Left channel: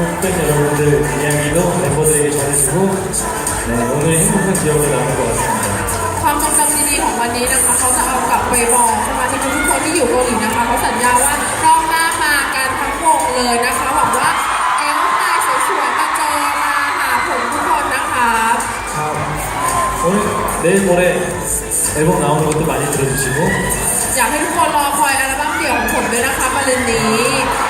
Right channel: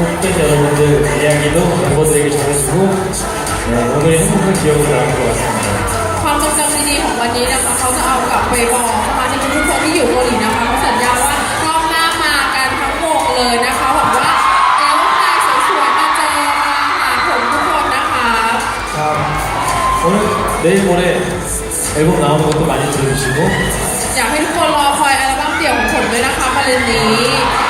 봤던 태국 팬 여러분들 이야기도 멤버들에게 전해주고 네, 오늘 행복한 기억으로 남을 것 같습니다. ความทรงจำดีๆของวันนี้นะคะเขาจะเอากลับไปบอกสมาชิกทุกคนที่อยู่เกาหลีนะคะเขาสัญญาว่ารอบหน้ามากันทั้งวงเลยนะคะหวังว่าแก๊งใหม่สวยๆมาเจอมาหาผมทุกคนนะคะ 오늘 내일 모레 앨범 나오는 것도 많이 들어주시고 อยากให้ทุกคนรอคอยอัลบั้มเดี่ยวของผมด้วยนะคะมาเร็นนี้ ใค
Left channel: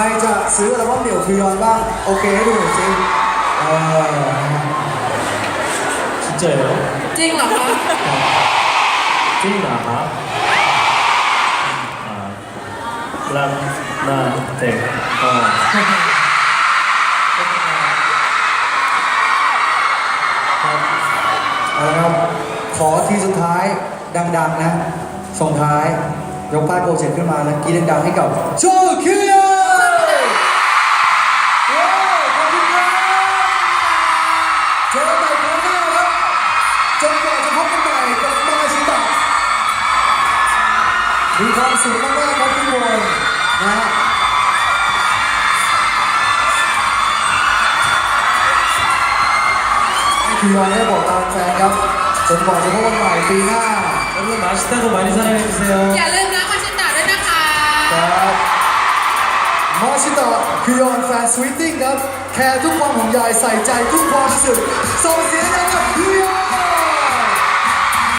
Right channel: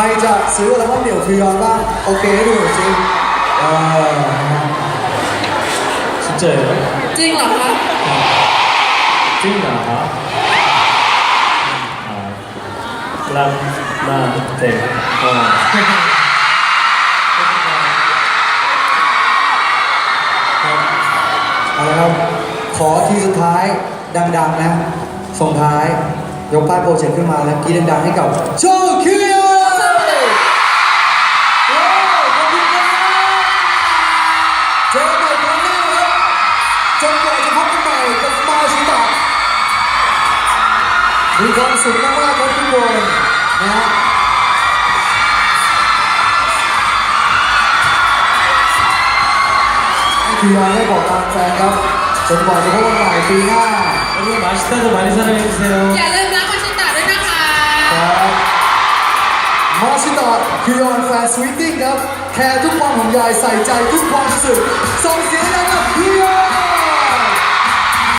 รจะซื้ออัลบั้มเดี่ยวพิยอนบ้าง โอเคให้ดูหน่อยสิเออนะฮะ 진짜예요? จริงเหรอคะ 찐나 아, 람나테 어. เอาละครับ ขอทีสุดท้ายดังๆนะส่งท้าย ยกป้ายโปรเจกต์ขึ้นมาแล้วกรีดดังๆให้กับโจคิวว้ มีความสุขมากๆครับทุกคนนะฮะทีวายได้บอกตามแฟนครับจนบอกาจะพบกันใหม่ปีหน้าแล้วก็มาสเตอร์กัมาริซาเรนเซลอย่าลืมรักมาชิตาด้วยนะคะครับมาชิตาคือยอนแฟนสวิทติ้งครับ แคร์ทุกความห่วงใยใส่ใจทุกความรู้สึก